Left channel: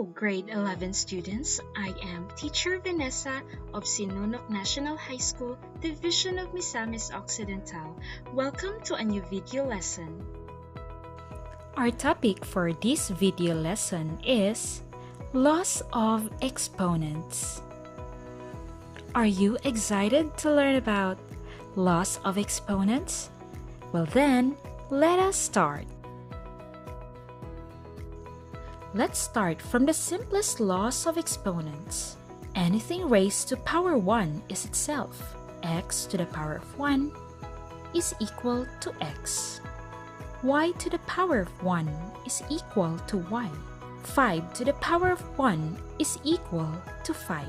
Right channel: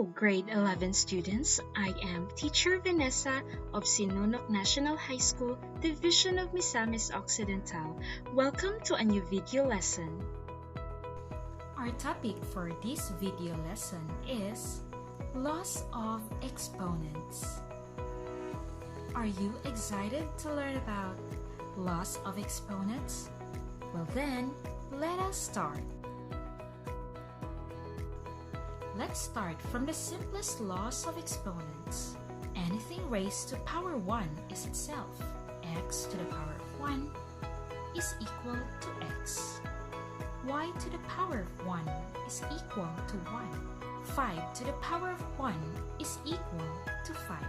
Hello, grade 11 students. I am Teacher Vanessa of Sinunok National High School, Division of Misamis Occidental. Welcome to a new video lesson. Our topic for this video lesson is Laws of Exponents. Are you excited to learn about Laws of Exponents? Well then, let us start. Let's start from the simplest laws of exponents. Anything raised to power 1 is itself. X to the power of 1 is equal to x. Y to the power of 1 is equal to 1. 5 to the power of 1 is equal to 5.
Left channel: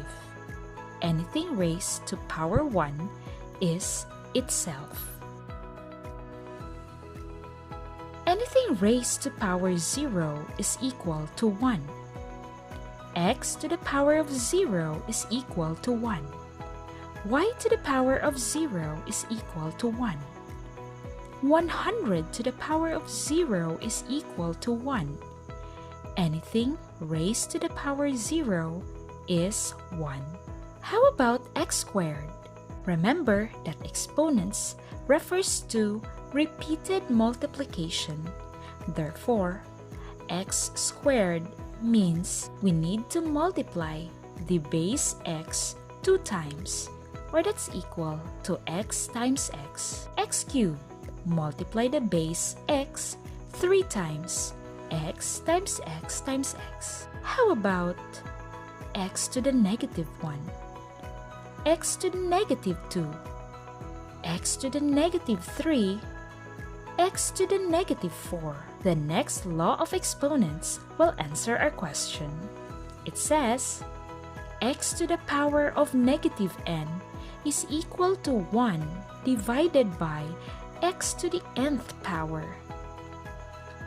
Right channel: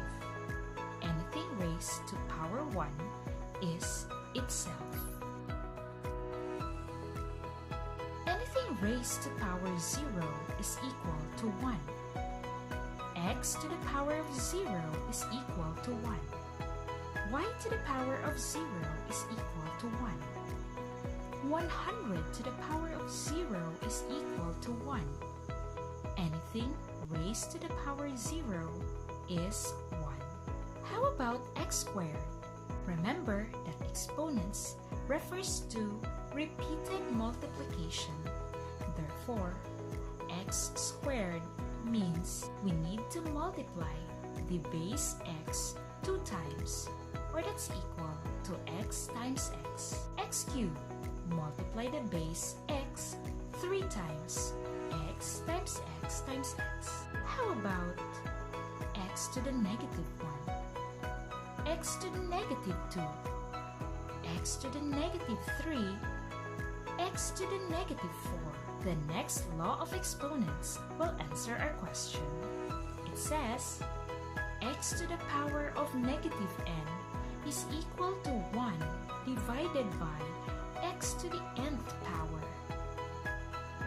Anything raised to power 1 is itself. Anything raised to power 0 is equal to 1. X to the power of 0 is equal to 1. Y to the power of 0 is equal to 1. 100 to the power of 0 is equal to 1. Anything raised to the power 0 is 1. How about x squared? Remember that exponents refers to repeated multiplication. Therefore, x squared means we need to multiply the base x 2 times, or that's equal to x times x. X cubed, multiply the base x 3 times, x times x times x. How about x to the negative 1, x to the negative 2, x to the negative 3, x to the negative 4. The next law of exponents will answer our question. It says, x to the power of negative n is equal to 1 divided by x to the nth power.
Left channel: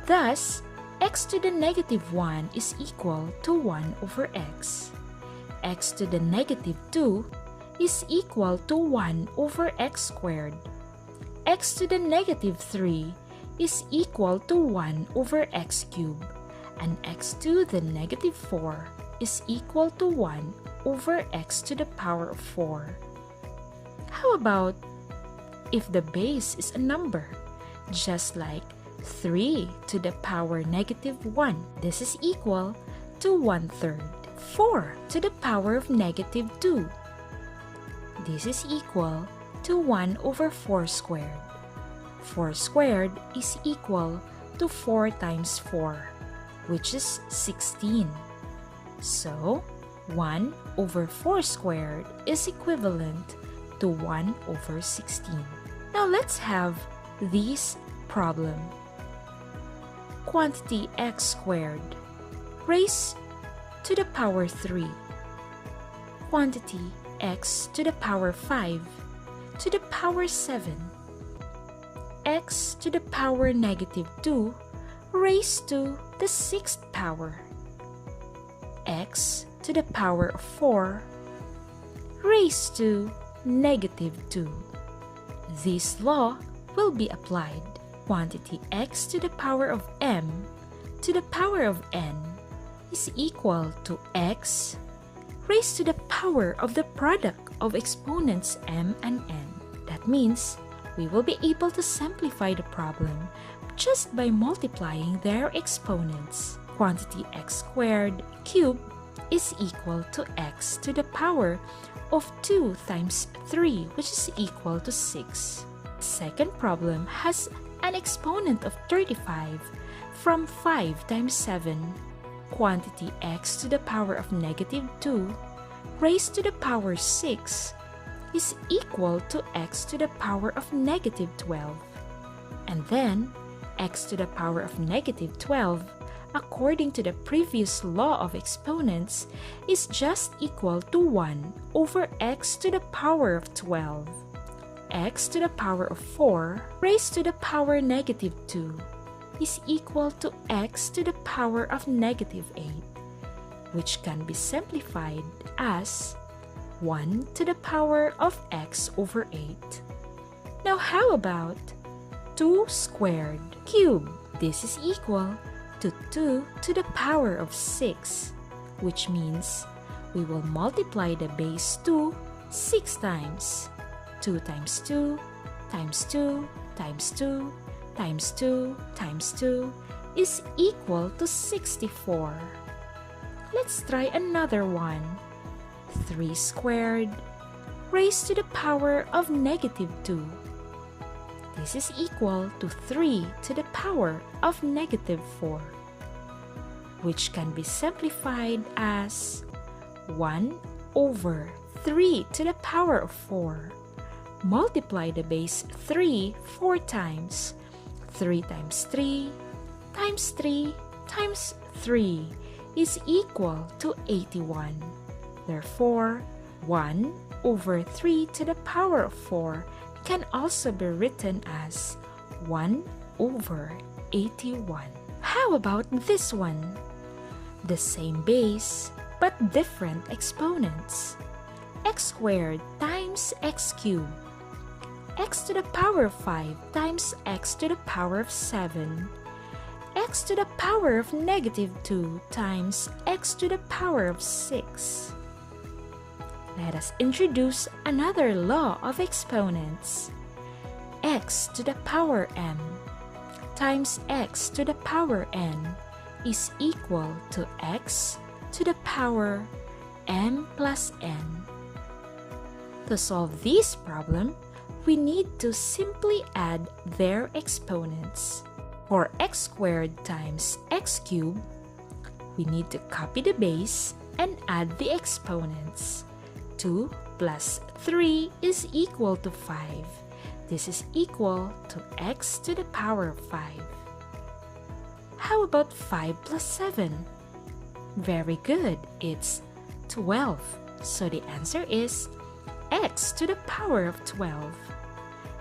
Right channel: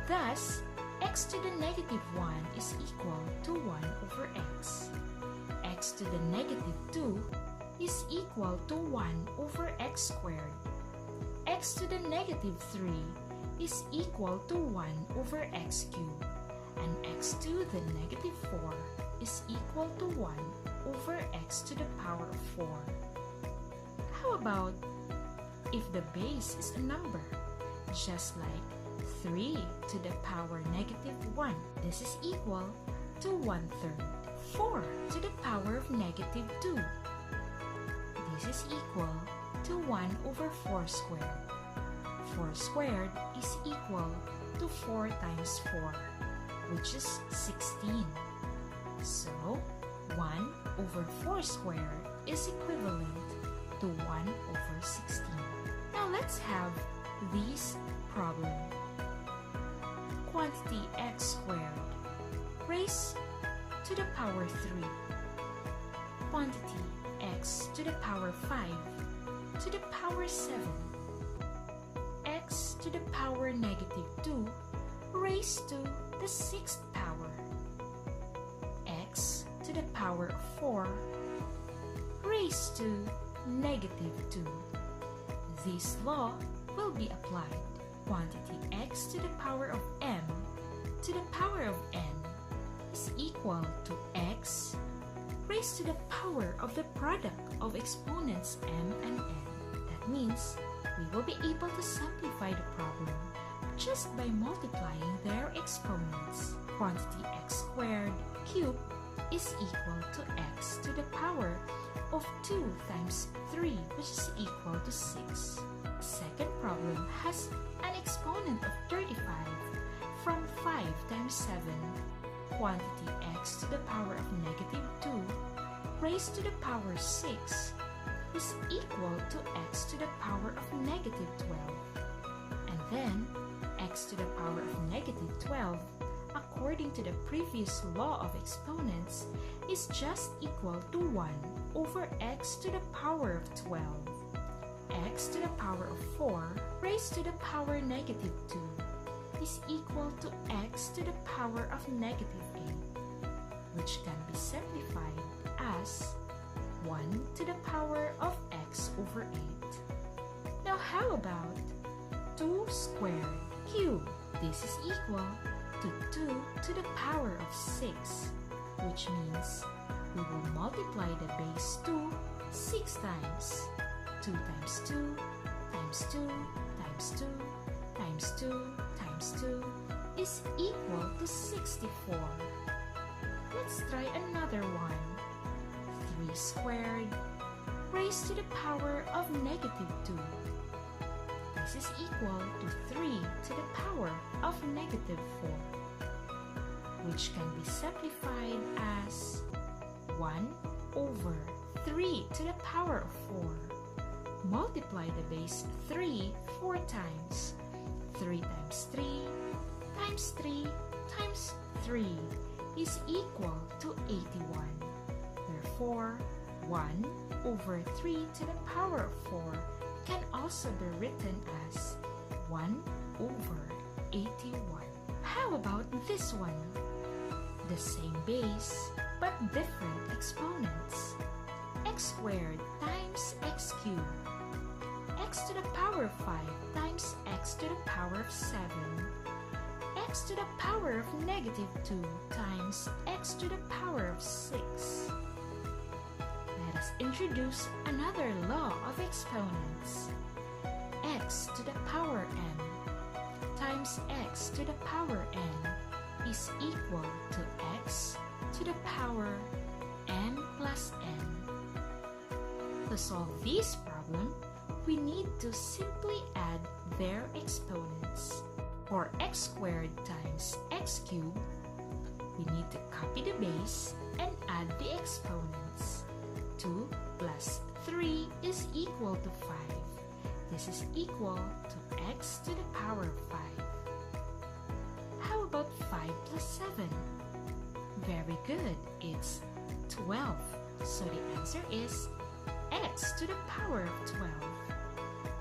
Thus, x to the negative 1 is equal to 1 over x. X to the negative 2 is equal to 1 over x squared. X to the negative 3 is equal to 1 over x cubed, and x to the negative 4 is equal to 1 over x to the power of 4. How about if the base is a number, just like 3 to the power negative 1? This is equal to 1/3. 4 to the power of negative 2. This is equal to 1 over 4 squared. 4 squared is equal to 4 times 4, which is 16. So, 1 over 4 squared is equivalent to 1 over 16. Now let's have this problem. Quantity x squared raised to the power 3. Quantity x to the power 5 to the power 7. X to the power negative 2 raised to the 6th power. X to the power of 4 raised to negative 2. This law will be applied. Quantity x to the power of m to the power of n is equal to x raised to the power of the product of exponents m and n. That means we will be able to simplify the problem just by multiplying their exponents. Quantity x squared cubed is equal to x to the power of 2 times 3, which is equal to 6. Second problem has an exponent of 35 from 5 times 7. Quantity x to the power of negative 2 raised to the power 6 is equal to x to the power of negative 12. And then, x to the power of negative 12, according to the previous law of exponents, is just equal to 1 over x to the power of 12. X to the power of 4 raised to the power negative 2 is equal to x to the power of negative 8, which can be simplified as 1 to the power of x over 8. Now how about 2 squared cubed? This is equal to 2 to the power of 6. which means we will multiply the base 2 6 times. 2 times 2 times 2 times 2 times 2 times 2 is equal to 64. Let's try another one. 3 squared raised to the power of negative 2. This is equal to 3 to the power of negative 4, which can be simplified as 1 over 3 to the power of 4. Multiply the base 3 4 times. 3 times 3 times 3 times 3 is equal to 81. Therefore, 1 over 3 to the power of 4 can also be written as 1 over 81. How about this one? The same base but different exponents. X squared times x cubed. X to the power of 5 times x to the power of 7. X to the power of negative 2 times x to the power of 6. Let us introduce another law of exponents. X to the power n times x to the power n is equal to x to the power m plus n. To solve this problem, we need to simply add their exponents. For x squared times x cubed, we need to copy the base and add the exponents. 2 plus 3 is equal to 5. This is equal to x to the power of 5. How about 5 plus 7? Very good, it's 12. So the answer is x to the power of 12.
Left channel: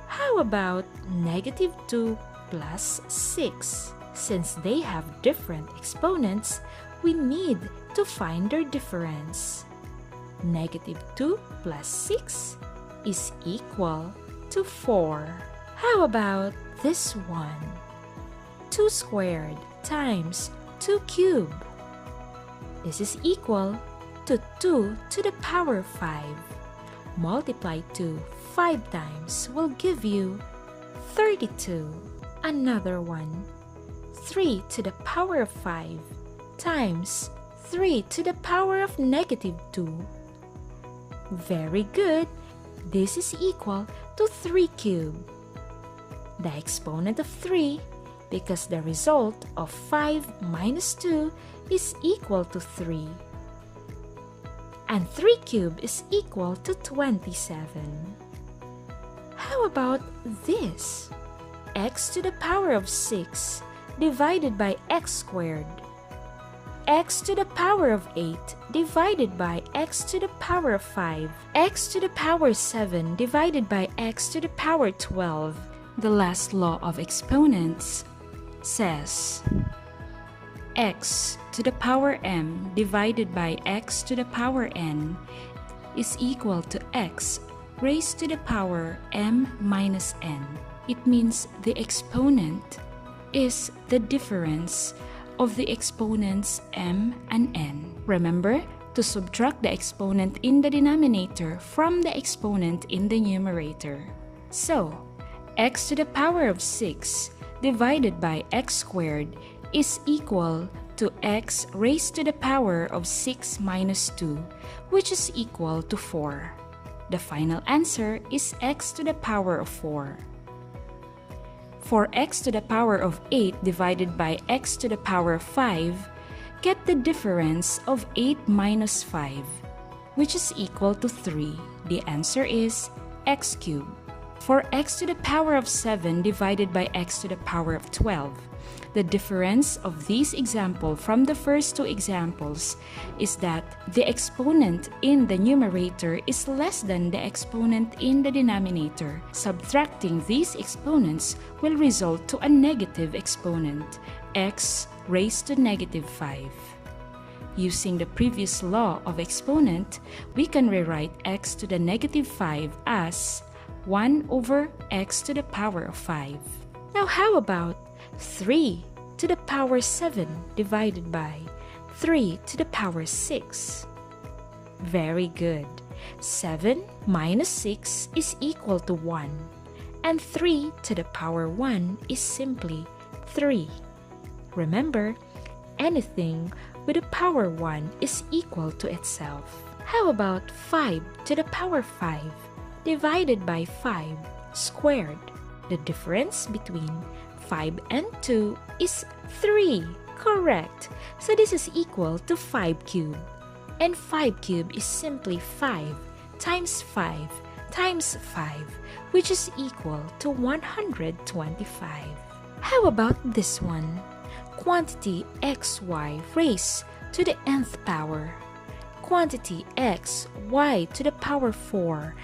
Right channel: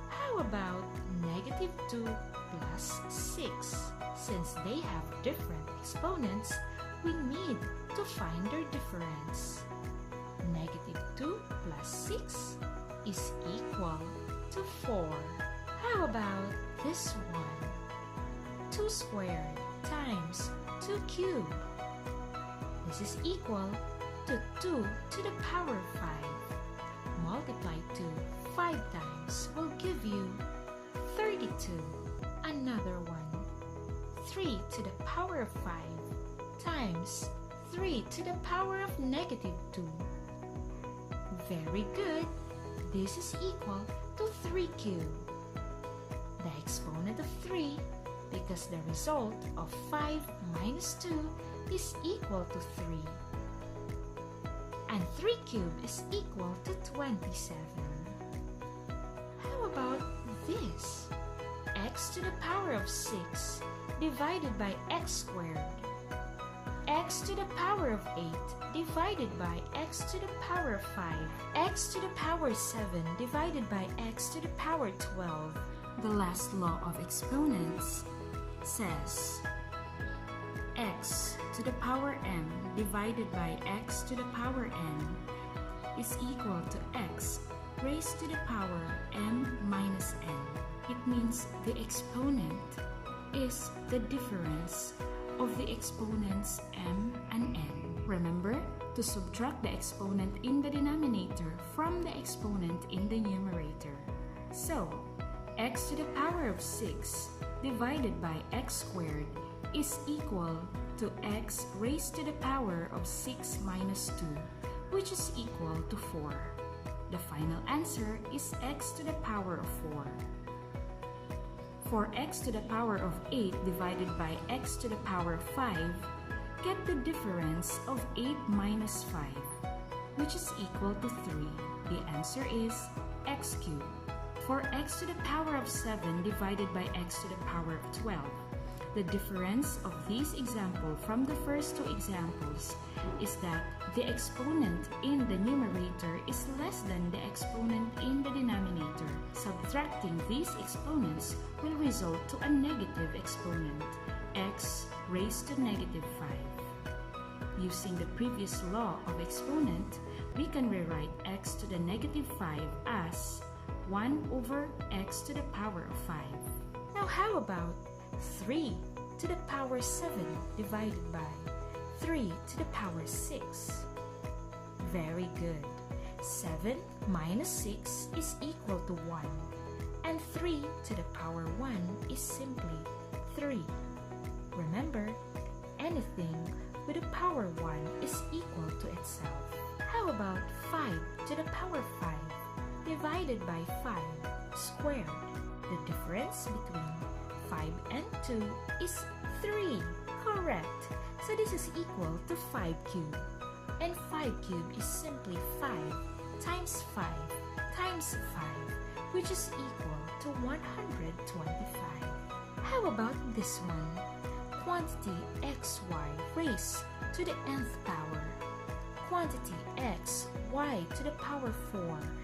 How about negative 2 plus 6? Since they have different exponents, we need to find their difference. Negative 2 plus 6 is equal to 4. How about this one? 2 squared times 2 cubed. This is equal to 2 to the power of 5. Multiply 2 5 times will give you 32. Another one. 3 to the power of 5 times 3 to the power of negative 2. Very good. This is equal to 3 cubed. The exponent of 3, because the result of 5 minus 2 is equal to 3. And 3 cubed is equal to 27. How about this? X to the power of 6 divided by x squared. X to the power of 8 divided by x to the power of 5. X to the power 7 divided by x to the power 12. The last law of exponents says x to the power m divided by x to the power n is equal to x raised to the power m minus n. It means the exponent is the difference of the exponents m and n. Remember to subtract the exponent in the denominator from the exponent in the numerator. So, x to the power of 6 divided by x squared is equal to x raised to the power of 6 minus 2, which is equal to 4. The final answer is x to the power of 4. For x to the power of 8 divided by x to the power of 5, get the difference of 8 minus 5, which is equal to 3. The answer is x cubed. For x to the power of 7 divided by x to the power of 12, the difference of this example from the first two examples is that the exponent in the numerator is less than the exponent in the denominator. Subtracting these exponents will result to a negative exponent, x raised to negative 5. Using the previous law of exponent, we can rewrite x to the negative 5 as 1 over x to the power of 5. Now how about 3 to the power 7 divided by 3 to the power 6. Very good. 7 minus 6 is equal to 1. And 3 to the power 1 is simply 3. Remember, anything with a power 1 is equal to itself. How about 5 to the power 5 divided by 5 squared? The difference between 5 and 2 is 3. Correct. So this is equal to 5 cubed. And 5 cubed is simply 5 times 5 times 5, which is equal to 125. How about this one? Quantity xy raised to the nth power. Quantity x, y to the power 4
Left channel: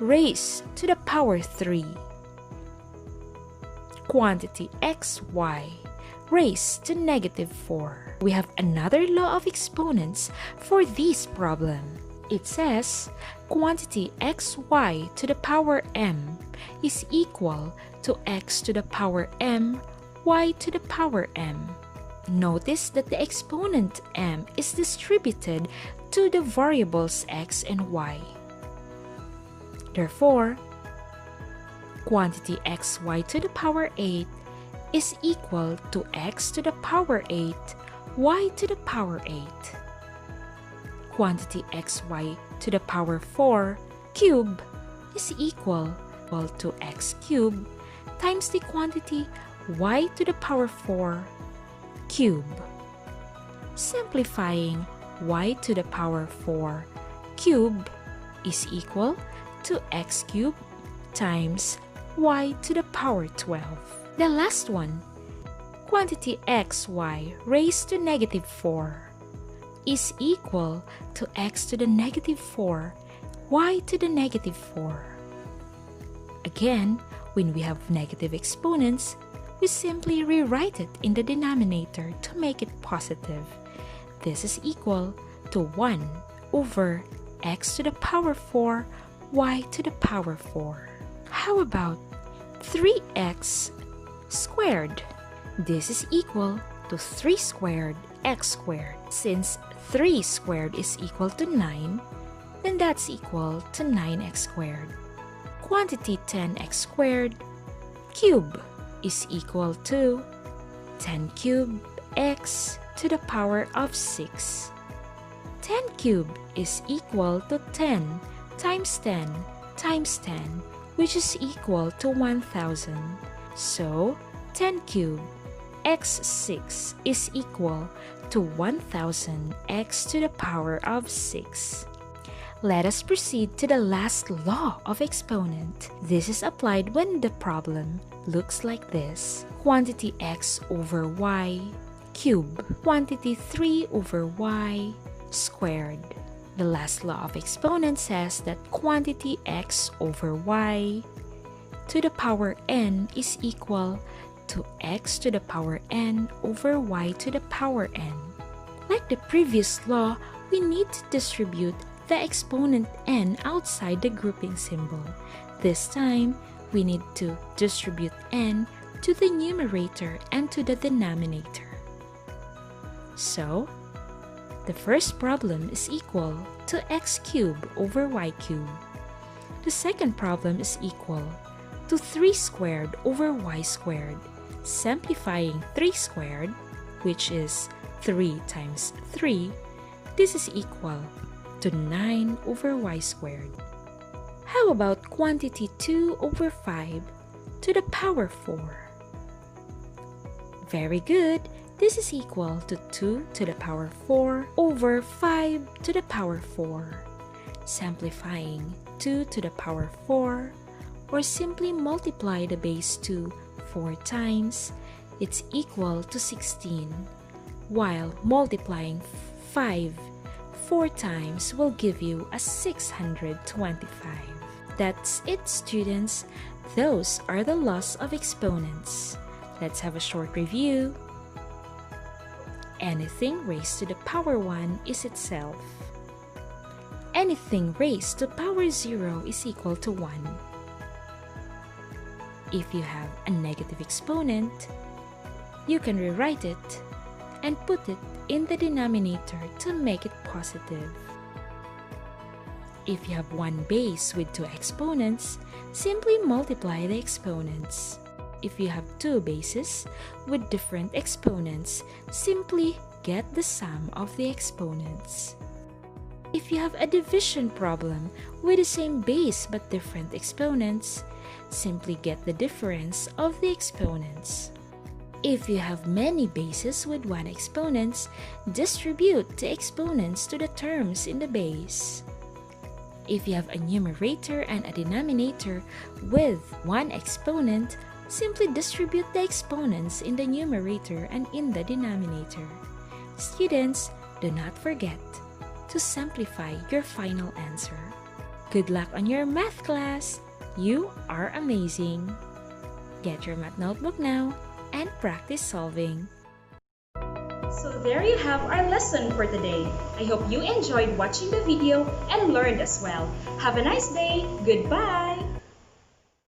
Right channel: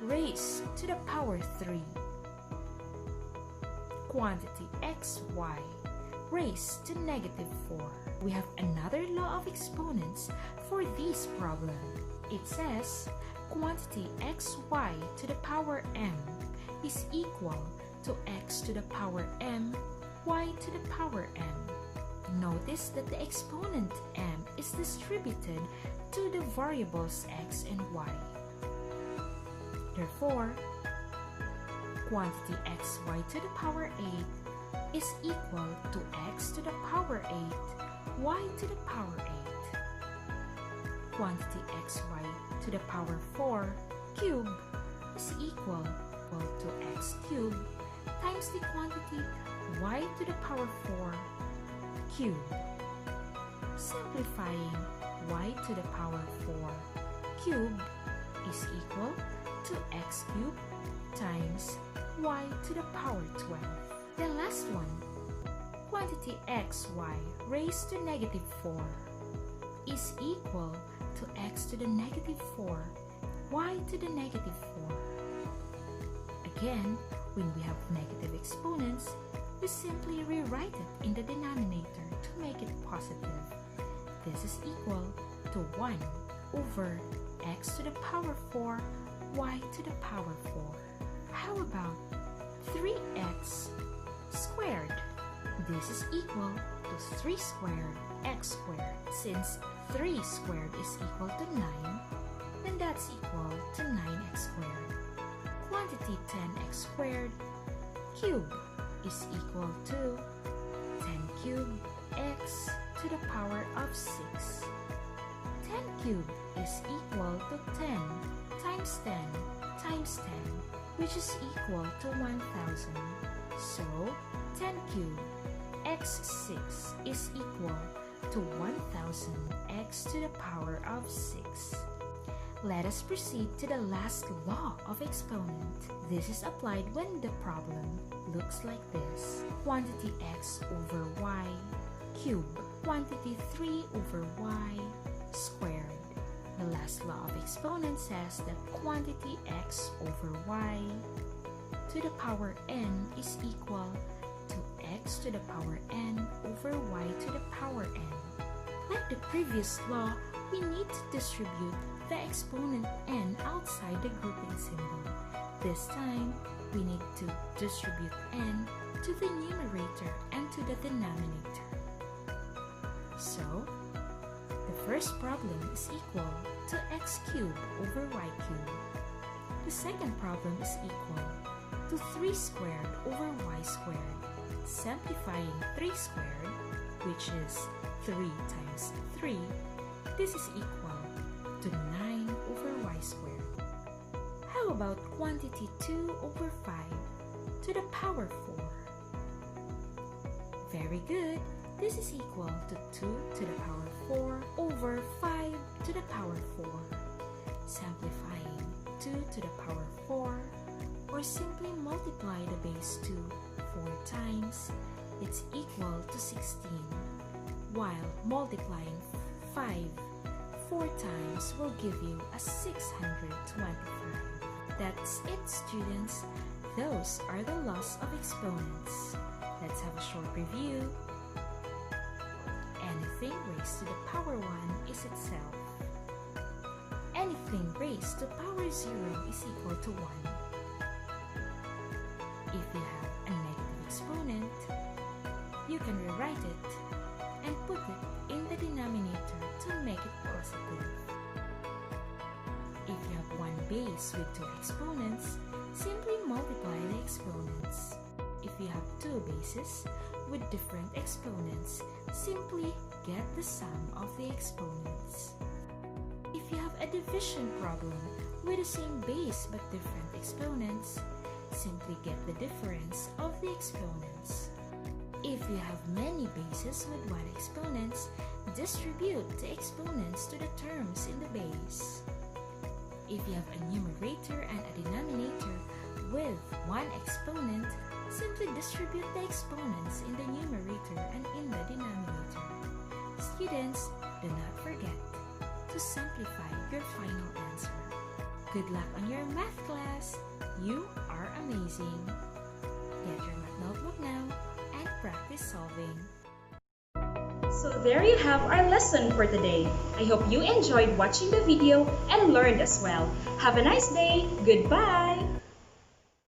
raised to the power 3. Quantity xy raised to negative 4. We have another law of exponents for this problem. It says quantity xy to the power m is equal to x to the power m, y to the power m. Notice that the exponent m is distributed to the variables x and y. Therefore, quantity xy to the power 8 is equal to x to the power 8, y to the power 8. Quantity xy to the power 4 cube is equal to x cube times the quantity y to the power 4 cube. Simplifying, y to the power 4 cube is equal to x cube times y to the power 12. The last one, quantity xy raised to negative 4 is equal to x to the negative 4, y to the negative 4. Again, when we have negative exponents, we simply rewrite it in the denominator to make it positive. This is equal to 1 over x to the power 4, y to the power 4. How about 3x squared? This is equal to 3 squared x squared. Since 3 squared is equal to 9, then that's equal to 9x squared. Quantity 10x squared cube is equal to 10 cubed x to the power of 6. 10 cubed is equal to 10 times 10 times 10, which is equal to 1000. So 10 cubed x6 is equal to 1000 x to the power of 6. Let us proceed to the last law of exponent. This is applied when the problem looks like this. Quantity x over y cube. Quantity 3 over y squared. The last law of exponent says that quantity x over y to the power n is equal to x to the power n over y to the power n. Like the previous law, we need to distribute the exponent n outside the grouping symbol. This time, we need to distribute n to the numerator and to the denominator. So, the first problem is equal to x cubed over y cubed. The second problem is equal to 3 squared over y squared. Simplifying 3 squared, which is 3 times 3, this is equal to 9 over y squared. How about quantity 2 over 5 to the power 4? Very good. This is equal to 2 to the power 4 over 5 to the power 4. Simplifying 2 to the power 4, or simply multiply the base 2 4 times, it's equal to 16, while multiplying 5 4 times will give you a 625. That's it, students. Those are the laws of exponents. Let's have a short review. Anything raised to the power 1 is itself. Anything raised to power 0 is equal to 1. If you have a negative exponent, you can rewrite it and put it in the denominator to make it positive. If you have one base with two exponents, simply multiply the exponents. If you have two bases with different exponents, simply get the sum of the exponents. If you have a division problem with the same base but different exponents, simply get the difference of the exponents. If you have many bases with one exponents, distribute the exponents to the terms in the base. If you have a numerator and a denominator with one exponent, simply distribute the exponents in the numerator and in the denominator. Students, do not forget to simplify your final answer. Good luck on your math class! You are amazing! Get your math notebook now and practice solving. So there you have our lesson for today. I hope you enjoyed watching the video and learned as well. Have a nice day. Goodbye!